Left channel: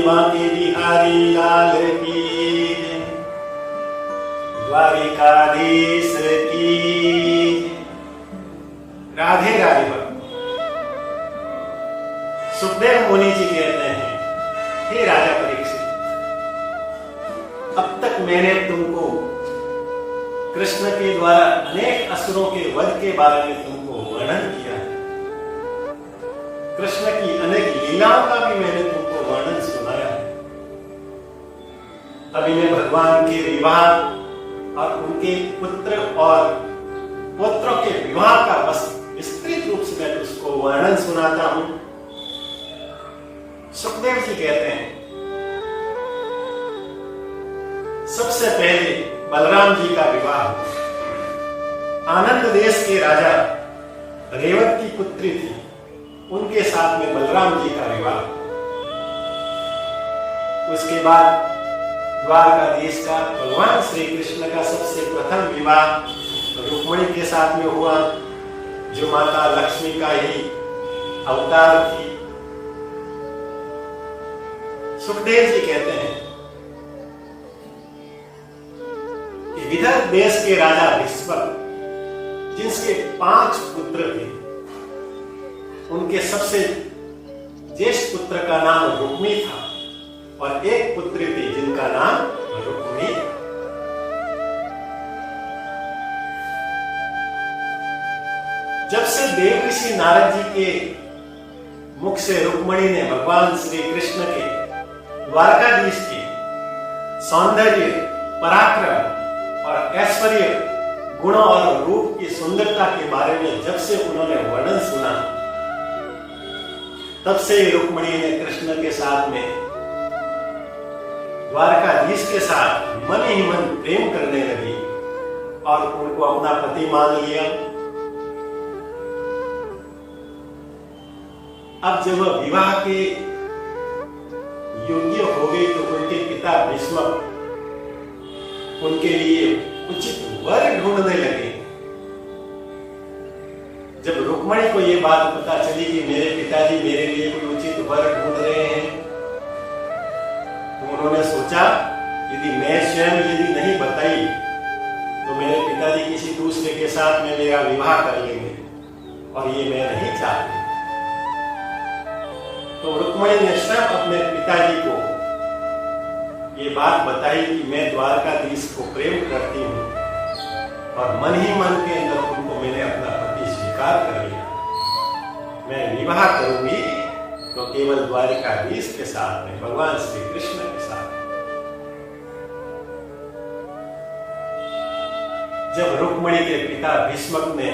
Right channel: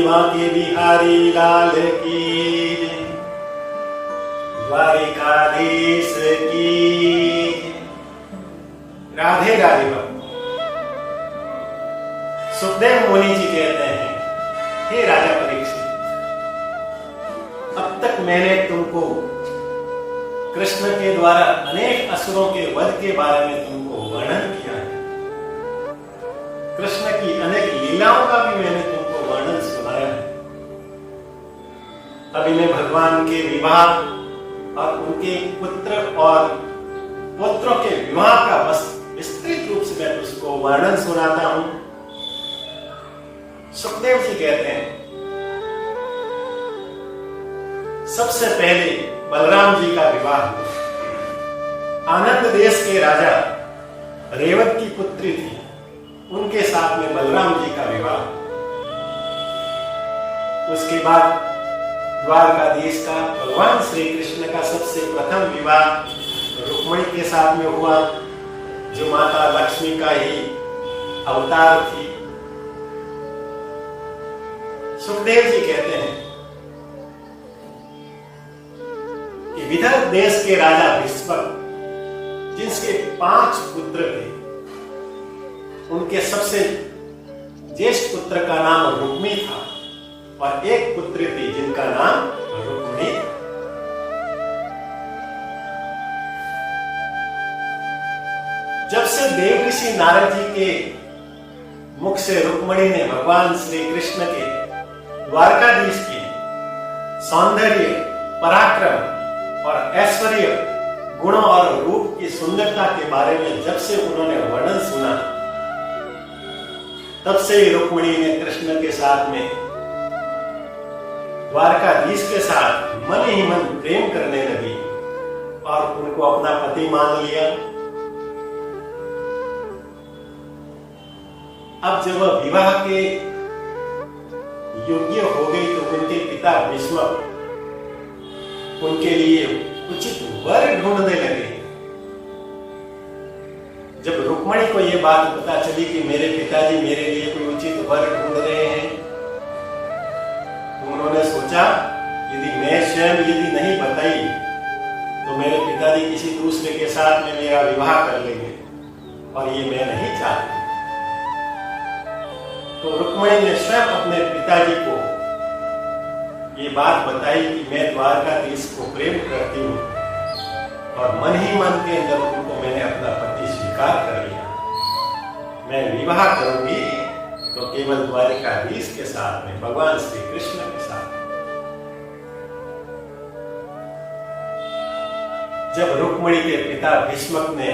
बोलिए बांके बिहारी लाल की जय, द्वारिकाधीश की जय। राधे राधे भक्त। सुखदेव मुनि जी कहते हैं, हे राजा परीक्षित, अब तक मैंने तुमको कृष्ण के द्वारा अनेक असुरों के वध के बारे में तुमको वर्णन किया है। कृष्ण की अनेक लीलाओं का भी मैंने तुमको वर्णन सुनाया है। अभी मैं भगवान के विवाह और उनके पुत्र और पुत्रों के विवाह का बस विस्तृत रूप से मैं तुझको वर्णन सुनाता हूं। सुखदेव जी कहते हैं, सबसे पहले बलराम जी का विवाह हुआ। आनंद देश के राजा रेवत की पुत्री थी, उनके साथ में बलराम जी का विवाह। उसके बाद द्वारकाधीश का भगवान श्री कृष्ण का सबसे प्रथम विवाह रुक्मिणी के साथ में हुआ, जो माता लक्ष्मी का ही अवतार थी। सुखदेव जी कहते हैं कि विदर्भ देश के राजा भीष्मक, जिनके 5 पुत्र थे, उनके सबसे ज्येष्ठ पुत्र का नाम रुक्मी था और एक पुत्री थी जिनका नाम रुक्मिणी था। जब से देव ऋषि नारद जी के मुख से रुक्मिणी ने भगवान श्री कृष्ण के द्वारकाधीश के सौंदर्य, पराक्रम और ऐश्वर्य, गुणों और रूप की सुंदरता के बारे में जब से उन्होंने वर्णन सुना, तब से रुक्मिणी ने कृष्ण के साथ में, द्वारकाधीश के साथ मन ही मन प्रेम करने लगी और उनको अपना पति मान लिया। अब जब वह विवाह के योग्य हो गई तो उनके पिता भीष्मक उनके लिए उचित वर ढूंढने लगे। जब रुक्मिणी को यह बात पता चली कि मेरे पिताजी मेरे लिए कोई उचित वर ढूंढ रहे हैं, तो उन्होंने सोचा, यदि मैं स्वयं यदि नहीं बताई तो मेरे पिताजी किसी दूसरे के साथ में मेरा विवाह कर लेंगे और ये मैं नहीं चाहती। तो रुक्मिणी ने स्वयं अपने पिताजी को ये बात बताई कि मैं द्वारकाधीश को प्रेम करती हूँ और मन ही मन के अंदर उनको मैंने अपना पति स्वीकार कर लिया। मैं विवाह करूंगी तो केवल द्वारकाधीश के साथ में, भगवान श्री कृष्ण के साथ। जब रुक्मिणी के पिता भीष्मक ने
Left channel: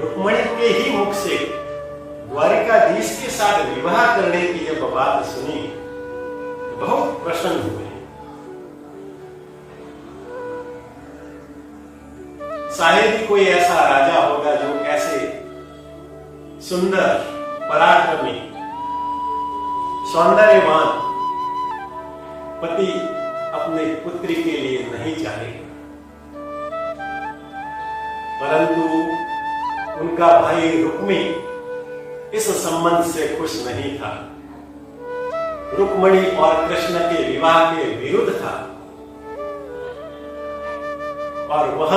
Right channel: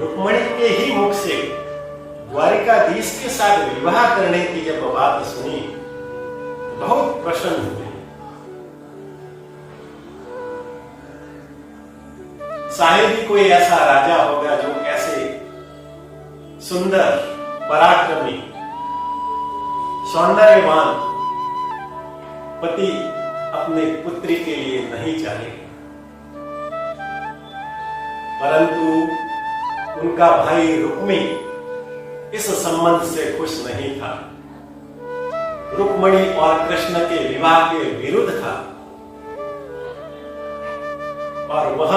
रुक्मिणी के ही मुख से द्वारिकाधीश के साथ विवाह करने की जब बात सुनी तो बहुत प्रसन्न हुए। शायद ही कोई ऐसा राजा होगा जो ऐसे सुंदर, पराक्रमी, सौंदर्यवान पति अपने पुत्री के लिए नहीं चाहेगा। परंतु उनका भाई रुक्मी इस संबंध से खुश नहीं था, रुक्मिणी और कृष्ण के विवाह के विरुद्ध था और वह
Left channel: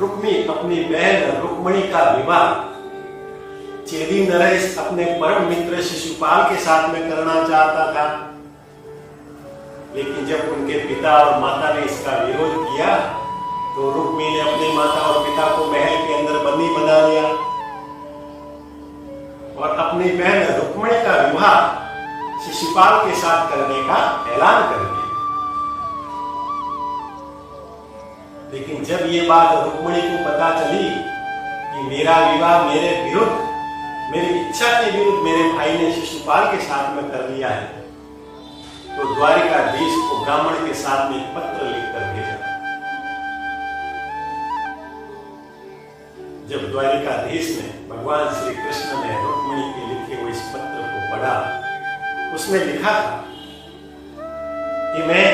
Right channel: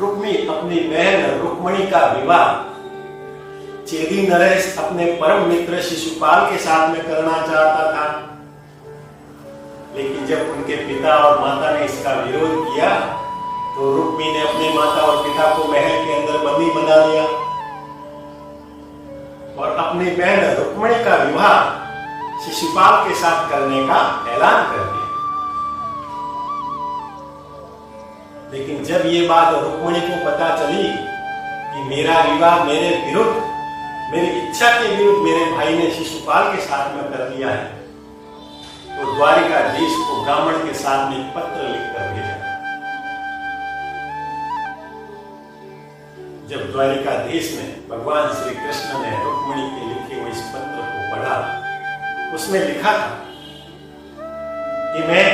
रुक्मी अपनी बहन रुक्मिणी का विवाह चेदी नरेश अपने परम मित्र शिशुपाल के साथ में करना चाहता था। लेकिन जब उनके पिता और माता ने इसका विरोध किया तो रुक्मी ने अपने माता और पिता को महल के अंदर बंदी बना लिया और अपनी बहन रुक्मिणी का विवाह शिशुपाल के साथ करने का ऐलान कर दिया। लेकिन जब ये बात रुक्मिणी को पता चली कि मेरा विवाह मेरे विरुद्ध, मेरी इच्छा के विरुद्ध मेरे भाई ने शिशुपाल के साथ में कर लिया है, तो द्वारिकाधीश को ब्राह्मण के साथ में एक पत्र लिखकर भेजा। जब द्वारिकाधीश ने, भगवान श्री कृष्ण ने रुक्मिणी के लिखे हुए इस पत्र को पढ़ा, उसमें लिखा था कि मैं,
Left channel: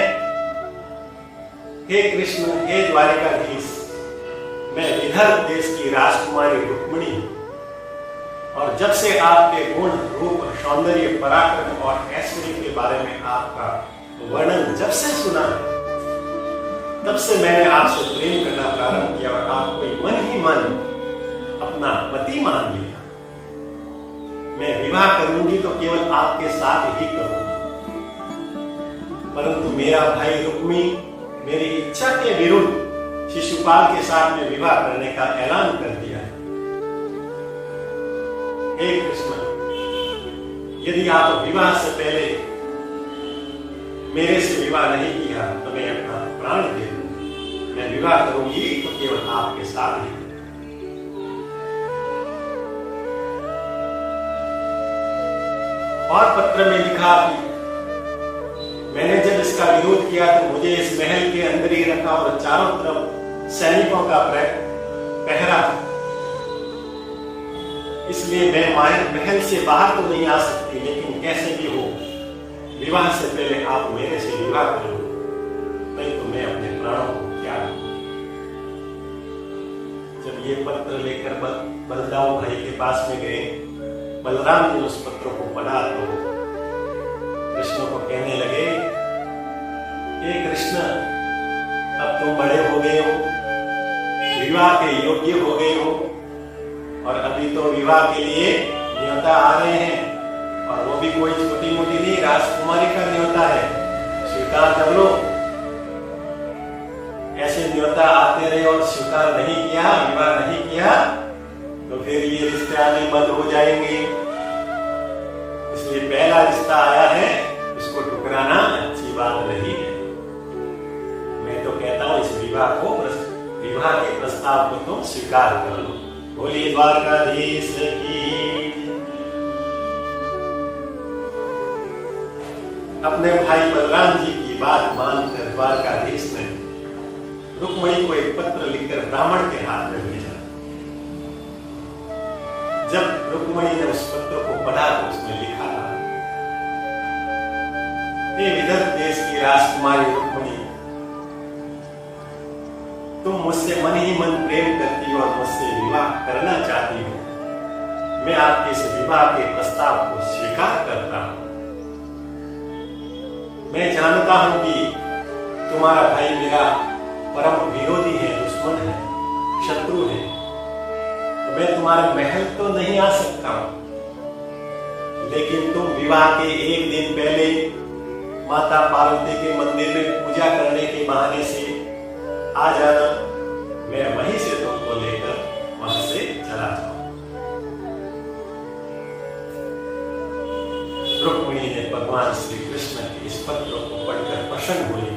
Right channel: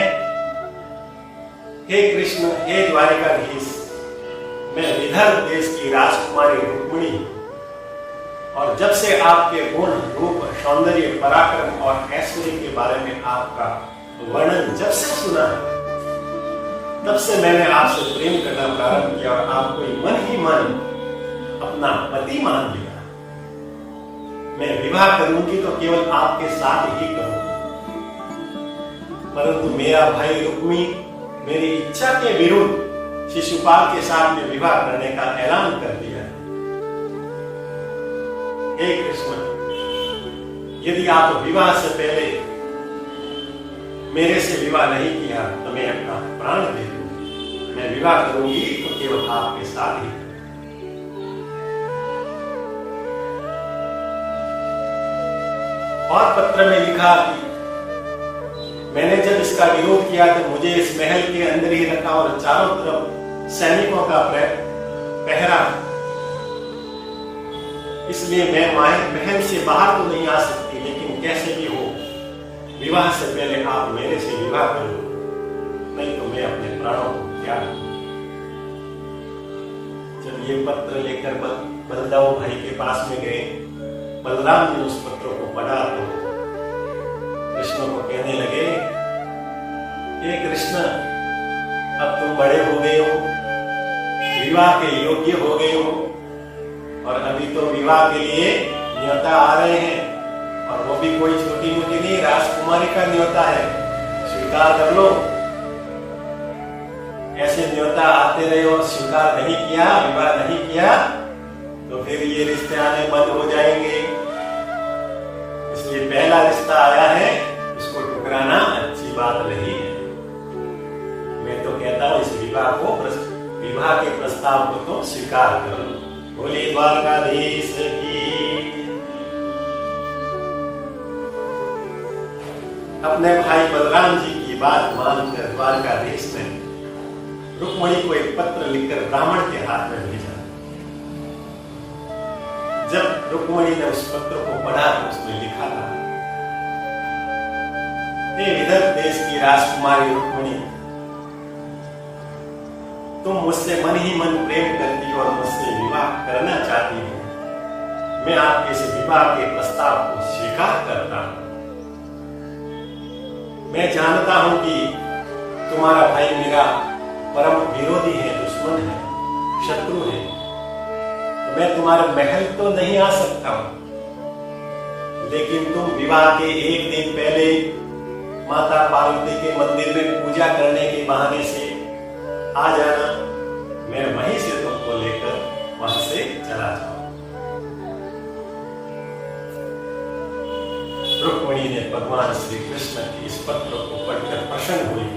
हे कृष्ण, हे द्वारिकाधीश, मैं विदर्भ देश की राजकुमारी रुक्मिणी और जब से आपके गुण, रूप, सौंदर्य, पराक्रम और ऐश्वर्य के बारे में आपका वर्णन जब से सुना है, तब से मैंने आपसे प्रेम करना प्रारंभ किया और आपको मन ही मन अपना पति मान लिया। मैं विवाह करूंगी तो केवल आपके साथ ही करूंगी, परंतु मेरा भाई रुक्मी मेरी इच्छा के विरुद्ध शिशुपाल के साथ में विवाह करने का ऐलान कर दिया है। हे कृष्ण, यदि आप विवाह से पहले मेरे से विवाह नहीं किया तो मैं अपना प्राण दे दूंगी। मैं विवाह करूंगी तो केवल आपके साथ ही। और पत्र में लिखा कि मैंने जब इसका विरोध किया तो मुझे इस महल के अंदर ही रखा और चारों तरफ सैनिकों का पहरा, इसलिए मैं महल से बाहर तो नहीं आ सकती, लेकिन कैसे भी हो विवाह से पहले आप मेरे से विवाह करो, नहीं तो मैं अपने प्राणों को त्याग दूं। जब ये पत्र लेकर बलदाऊ भाई के पास में गए, बलराम जी उस पत्र को पढ़ा तो कृष्ण को कहने लगे, हे कृष्ण, अब तुम बड़े हो गए हो, विवाह के योग्य हो गए हो, और अभी तो विवाह के लिए न्योता आ रहे हैं, और वो भी कोई छोटी मोटी नहीं, राजकुमारी का न्योता है, स्वीकार कर लो। ऐसे न्योता आते रहे और स्वीकार नहीं किया, विवाह नहीं किया, तो फिर ये रिश्ते आने बंद हो जाएंगे। इसलिए पहला रिश्ता आया है, उसको ठुकराना अच्छी बात नहीं है। मैं तो कहता हूं इस विवाह के प्रस्ताव को तो स्वीकार कर लो। बोलिए द्वारकाधीश की। अपने भाई बलराम जी की बात मानकर द्वारकाधीश ने रुक्मणी को एक पत्र लिखकर ब्राह्मण के हाथ में भेजा। जब रुक्मणी ने उस पत्र को पढ़ा तो उसमें लिखा था, हे विदर्भ देश की राजकुमारी रुक्मणी, तुम मुझसे मन ही मन प्रेम करती हो और मुझसे विवाह करना चाहती हो। मैं आपके इस विवाह के प्रस्ताव को स्वीकार करता हूं। मैं जानता हूं कि तुम्हारा भाई मेरा परम विरोधी है, दुश्मन है, शत्रु है, तो मैं तुम्हारे महल तो नहीं आ सकता हूं, लेकिन तुम विवाह के एक दिन पहले माता पार्वती के मंदिर में पूजा करने के बहाने से आ जाना। मैं वहीं से तुमको लेकर वहां से चला जाऊं। रुक्मिणी ने भगवान श्री कृष्ण के इस पत्र को पढ़कर प्रसन्न हुई,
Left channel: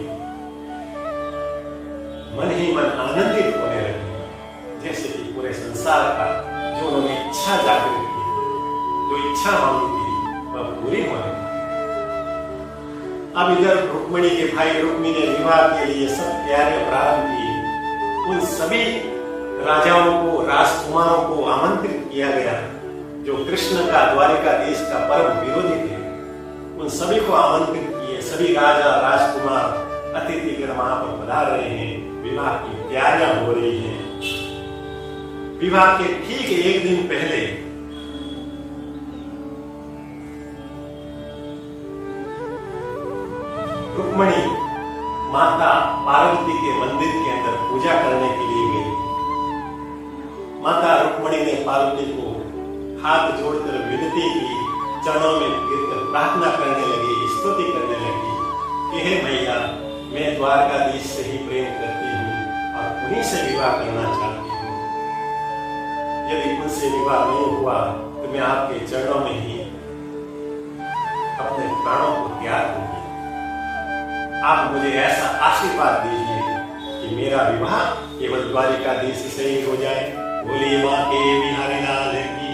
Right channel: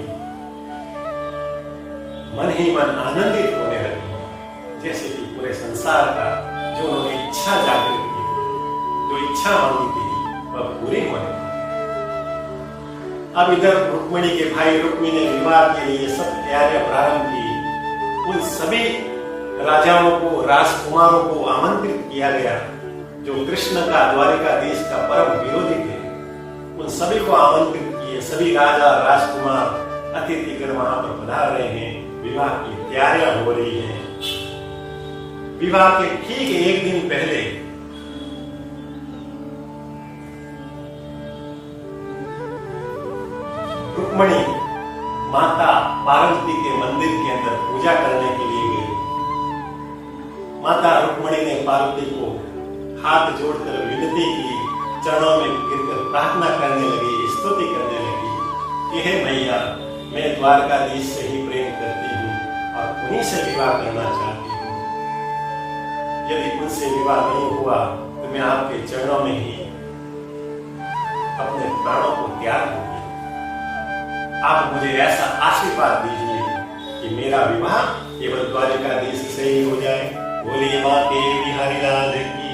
मन ही मन आनंदित होने लगी, जैसे कि पूरे संसार का जो उन्होंने इच्छा जागृत की, जो इच्छा मांगी थी, वह पूरी होने लगी। अब इधर रुक्मिणी के भाई रुक्मी ने विवाह के लिए सब तैयारियां प्रारंभ की। उन सभी राजाओं को, राजकुमारों को आमंत्रित किया गया जो कृष्ण का द्वारिकाधीश का परम विरोधी थे। उन सभी को आमंत्रित किए। सभी राजा राजकुमार अतिथिगण वहां पर पधार रहे हैं। विवाह की तैयारियां हो रही हैं। विवाह के ठीक एक दिन पहले रुक्मिणी माता पार्वती के मंदिर के अंदर पूजा करने के लिए गई। माता रुक्मिणी ने पार्वती को हाथ जोड़कर विनती की, चरणों में गिरकर प्रार्थना करने लगी, स्तुति करने लगी कि हे मैया, मैं द्वारकाधीश से ही प्रेम करती हूँ और उन्हीं से विवाह करना चाहती हूँ। यदि उनसे विवाह नहीं हुआ तो मैं आपके चरणों में ही अपने प्राणों को त्याग दूंगी। आप मुझे ऐसा आशीर्वाद दीजिए कि मेरा विवाह केवल द्वारिकाधीश से ही हो जाए। बोलिए मां के बिहारी लाल की।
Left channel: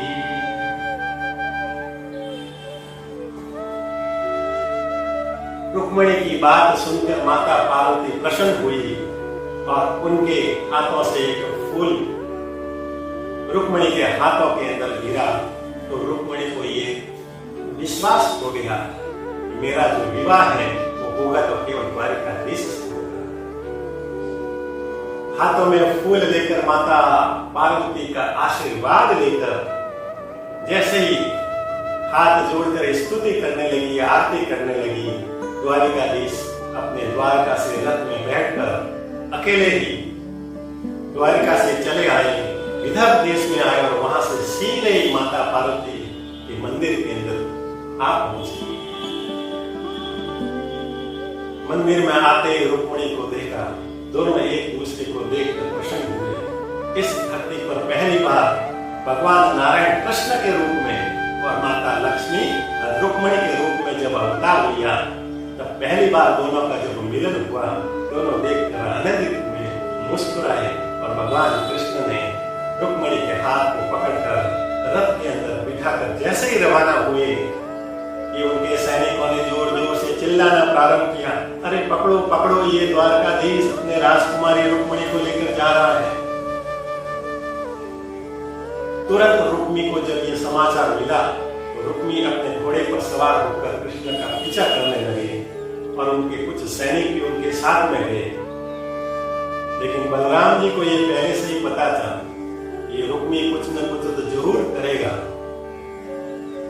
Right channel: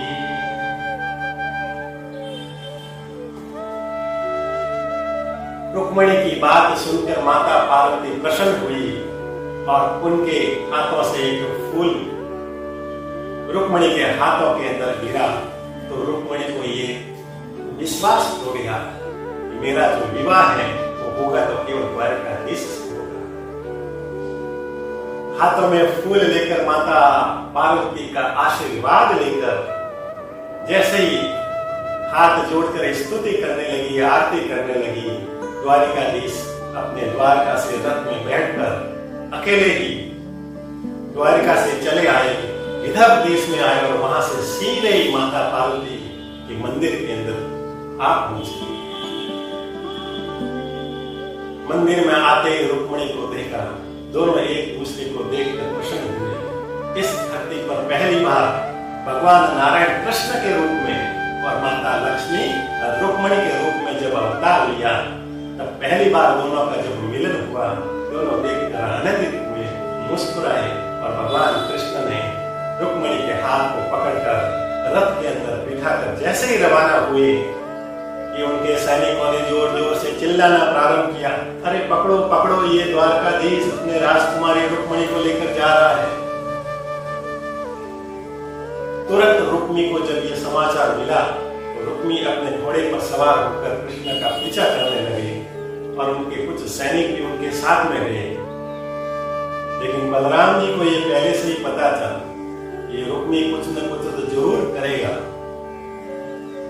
रुक्मिणी की बात सुनकर माता पार्वती प्रसन्न हुई और उनके हाथों से एक फूल रुक्मिणी के हाथों के अंदर गिरा तो रुक्मिणी को ये विश्वास हो गया कि मेरा जो विवाह है वो होगा तो केवल द्वारिकाधीश से होगा। हाथों में फूल लेकर माता पार्वती का आशीर्वाद लेकर जैसे ही हाथ जोड़कर स्तुति करने लगी, आरती करने लगी, द्वारिकाधीश अपने द्वारका से रथ में बैठकर अकेले ही द्वारिका से चले आए, विदर्भ देश में आए और वहां से सीधे ही माता पार्वती के मंदिर के अंदर आप पहुंचे। मंदिर में आते ही रुक्मिणी को देखा, दोनों एक दूसरे को देखकर प्रसन्न हुए। इस धरती पर पहली बार भगवान नारायण कृष्ण के रूप में और माता लक्ष्मी रुक्मिणी के रूप में जब अवतार लिया, तब पहली बार दोनों का जब मिलन हुआ, दोनों देखकर आनंदित हुए, मुस्कुराए और भगवान कृष्ण ने रुक्मिणी के हाथ को पकड़कर रथ के अंदर बिठाकर जैसे ही रवाना हुए कि उनके सैनिकों ने जोर जोर से चिल्लाना प्रारंभ किया, अरे पकड़ो पकड़ो, ये द्वारकाधीश अपने राजकुमारी रुक्मिणी को लेकर जा रहा है। तुरंत रुक्मी को जब ये समाचार मिला तो रुक्मी अपने घोड़े पर सवार होकर कृष्ण का पीछा करने लगे और उनके कुछ सैनिक भी उनके साथ में गए। लेकिन बलराम जी को ये पहले से ही पता था, ये रुक्मी कुछ न कुछ तो जरूर करेगा।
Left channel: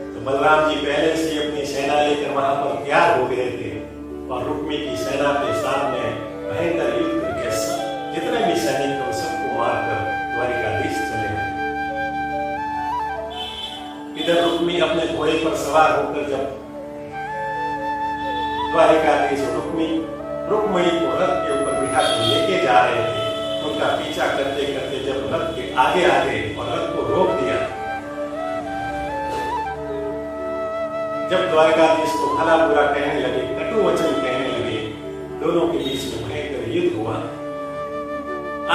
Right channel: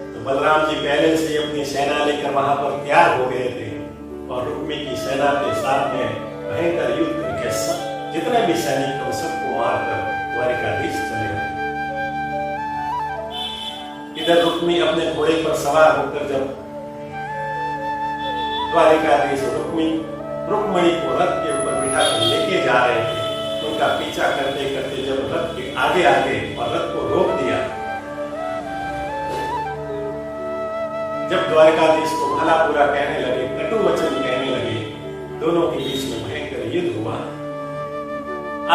तो बलराम जी पहले से अपनी सेना लेकर वहां पर तैयार हो गए थे और रुक्मी की सेना के साथ में भयंकर युद्ध करके जितने भी सैनिक थे सबको मारकर द्वारिकाधीश चले गए। इधर रुक्मी अपने घोड़े पर सवार होकर जब द्वारिकाधीश रुक्मिणी को रथ के ऊपर बिठाकर लेके जा रहे थे, उनका पीछा करते करते जब रथ के आगे आ गए और रथ को रोक दिया, जब द्वारकाधीश को भला बुरा कहने लगे, कटु वचन कहने लगे, दोनों के बीच में भयंकर युद्ध हुआ।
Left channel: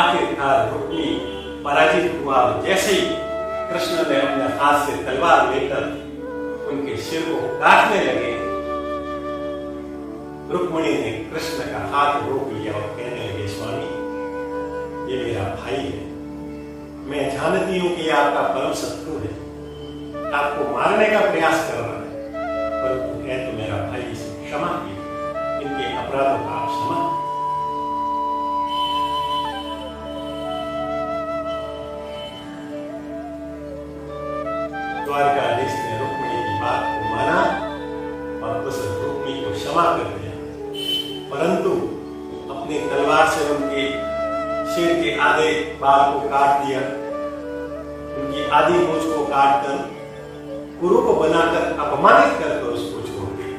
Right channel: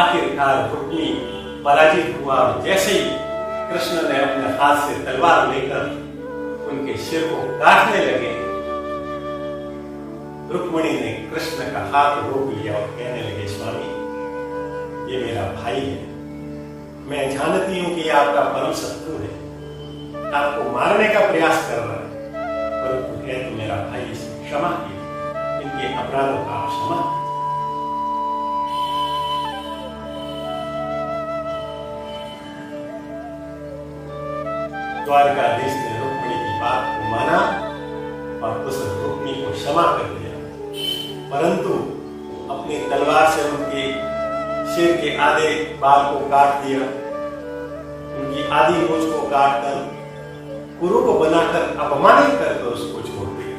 आखिरकार रुक्मी पराजित हुआ और जैसे ही कृष्ण ने अपने हाथ से तलवार लेकर उनके सिर को काटने लगे, रुक्मिणी ने कृष्ण का हाथ रोक लिया और कहने लगे, स्वामी ये मेरा भाई है, मैं जानती हूं कि ये आपका परम शत्रु है, आपको मारने का प्रयास कर रहा है, परंतु है तो मेरा भाई, इसे क्षमा कीजिए, इनके अपराधों का आप क्षमा। द्वारकाधीश ने रुक्मिणी की बात को माना और उस रुक्मिणी को क्षमा कर दिया, परंतु अपनी तलवार से उनके सिर के आधे बाल को काट दिया, उनकी आधी मूंछ को काटकर कुरु को बनाकर अपमानित करके उसको छोड़ दिया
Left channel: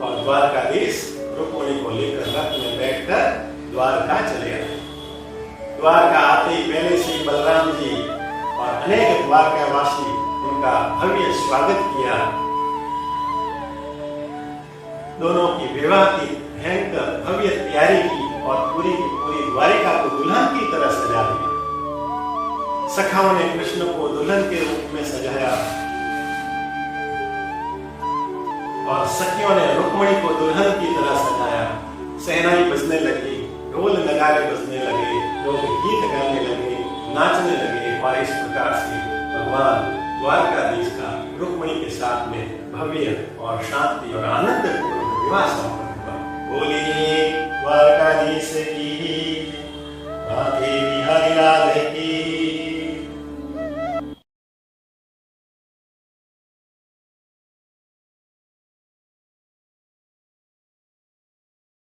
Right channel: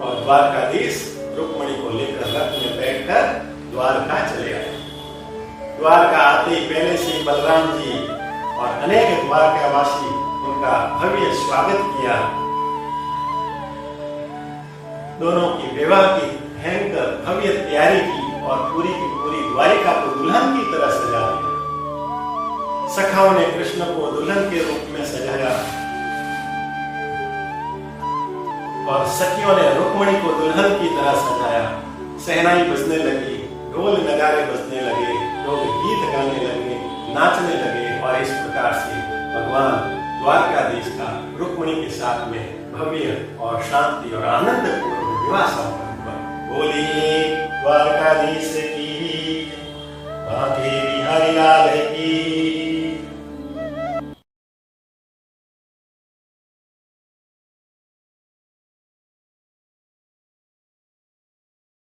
और द्वारकाधीश रुक्मिणी को लेकर रथ में बैठकर द्वारका चले आए। द्वारका आते ही पहले से ही बलराम जी और अनेक द्वारकावासी उनका भव्य स्वागत किया। दोनों की विवाह की भयंकर भव्य तैयारी की और पूरी की पूरी द्वारिका को दुल्हन की तरह सजा दिया। सखाओं ने कृष्ण को दुल्हन के रूप में सजाया और सखियों ने रुक्मिणी को दुल्हन की तरह सजाया। सहनाई बजने लगी, ढोल नगारे बजने लगे, लोग गीत गाने लगे, नाचने लगे और इस प्रकार से भगवान द्वारकाधीश का रुक्मिणी के साथ में भव्य और शांति और आनंदपूर्ण विवाह संपन्न हुआ। बोलिए द्वारकाधीश की, माँ देवी हरिलाल की।